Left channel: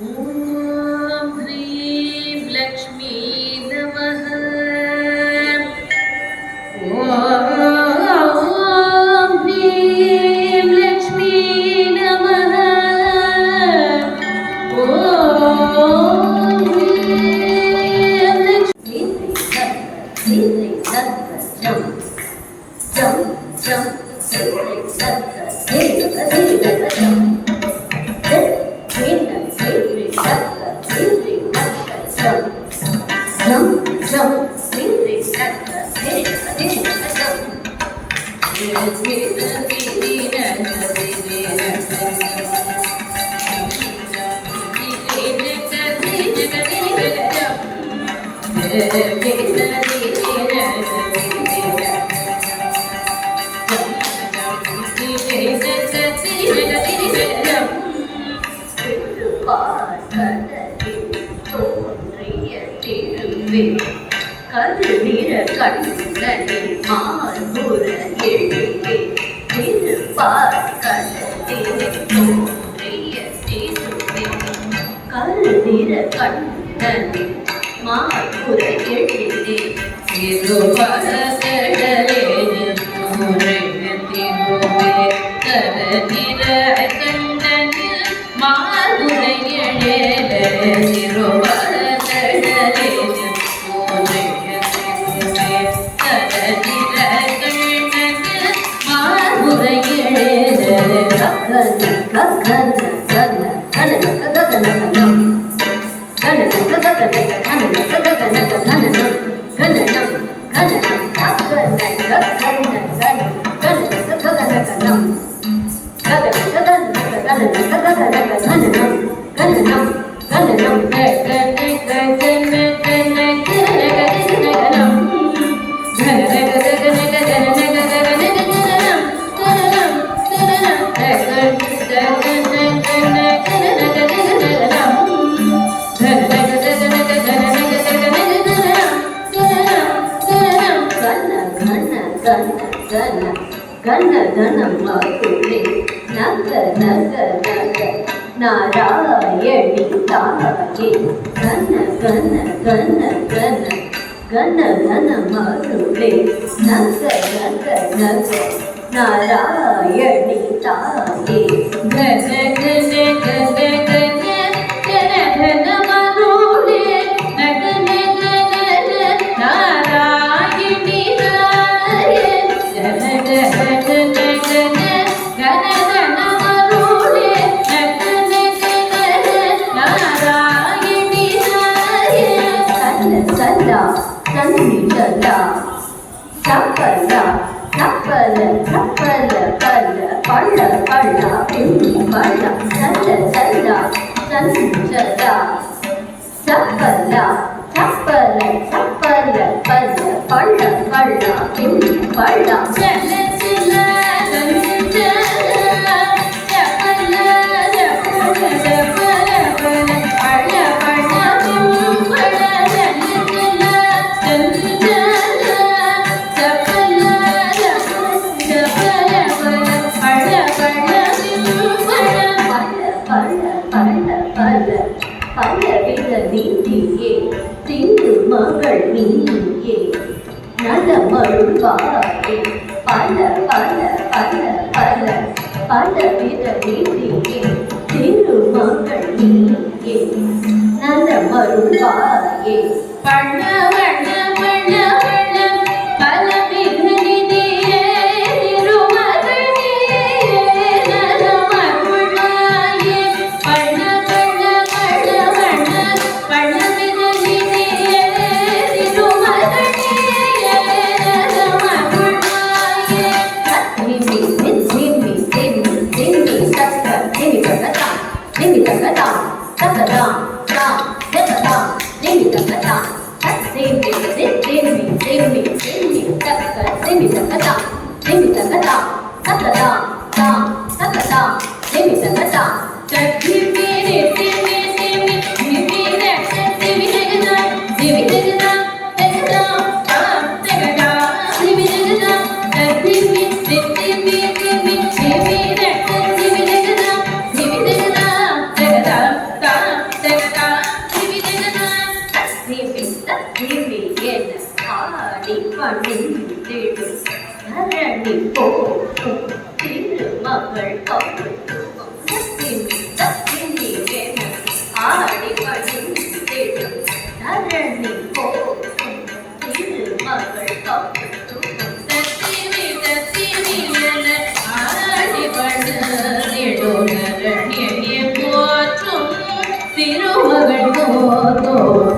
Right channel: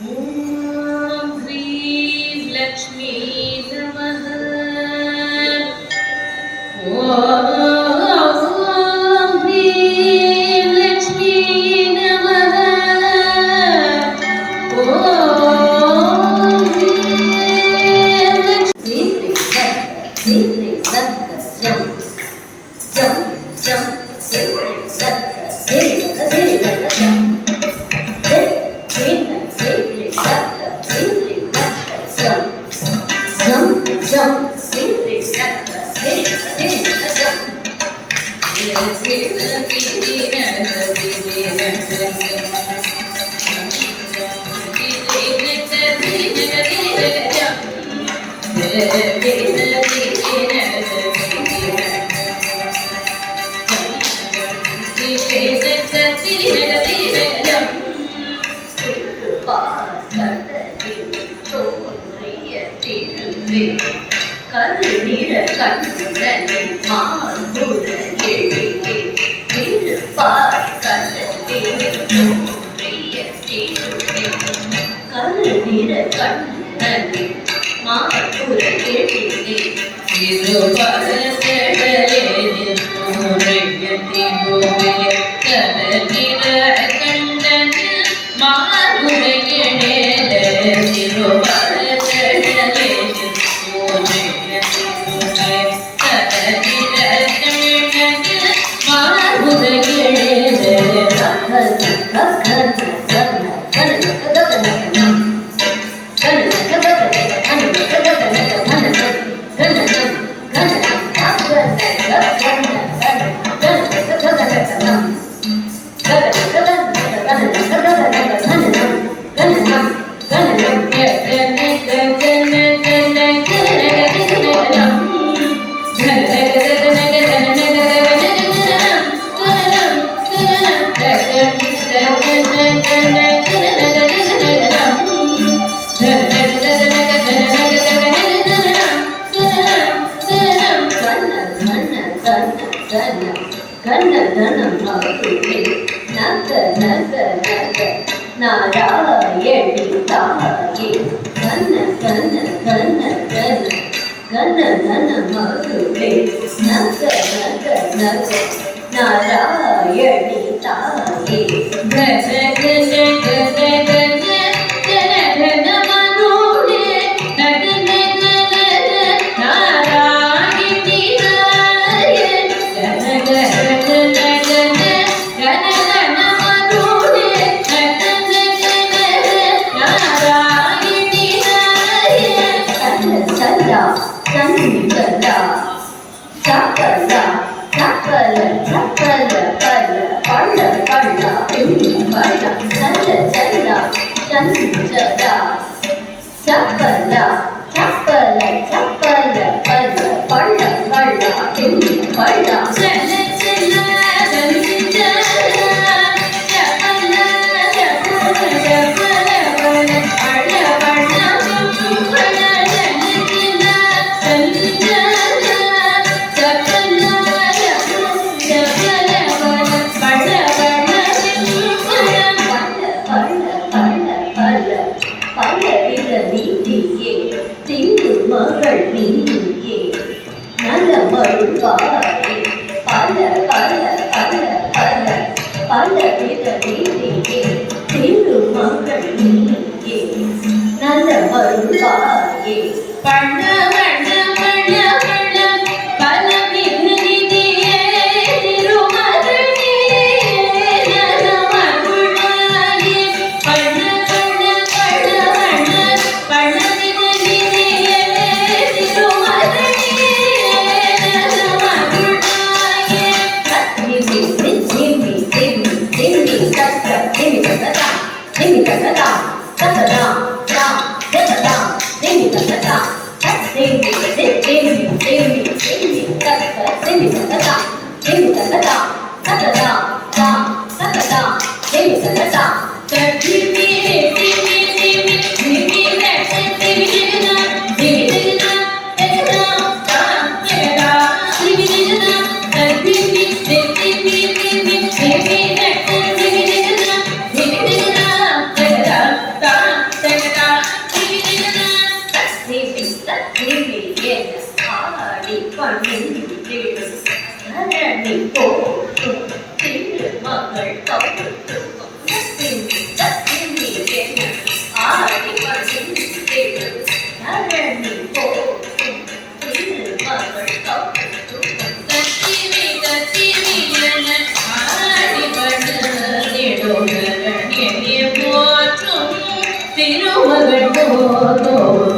ॐ ह्रीं लक्ष्मी नमः। ॐ ह्रीं लक्ष्मी नमः। ॐ ह्रीं लक्ष्मी கருநிற கண்ணனின் மார்புற எழிலே திருப்பார் கடலில் தோன்றிய திருவே. கருநிற கண்ணனின் மார்புற எழிலே திருவரதடலில் தோன்றிய திருவே. கருநிற கண்ணனின் மார்புற எழிலே திருவரதடலில் நாராயணி தாயே கன கன கன கன கன கன மதுவே நக நக நக நாராயணி தாயே கன கன கன கன கன கன மதுவே நக நக நக நாராயணி தாயே கன கன கன கன கன சப்பல சப்பல சப்பல பல பள்ள பள்ள பள்ள சல்ல சல்ல சஞ்சலா சப்பல சப்பல சப்பல பல பள்ள பள்ள பள்ள சல்ல சல்ல மகள் நீயே நலமருள்வாயே பல பல பல பல பல வித நீதியே திருமகள் நீயே நலமருள்வாயே பண்ண வண்ண வண்ண வண்ண பல வித நீதியே திருமகள் நீயே நலமருள்வாயே பண்ண வண்ண வண்ண வண்ண பண்ண Ding ding ding ding ding ding ding ding ತೋರು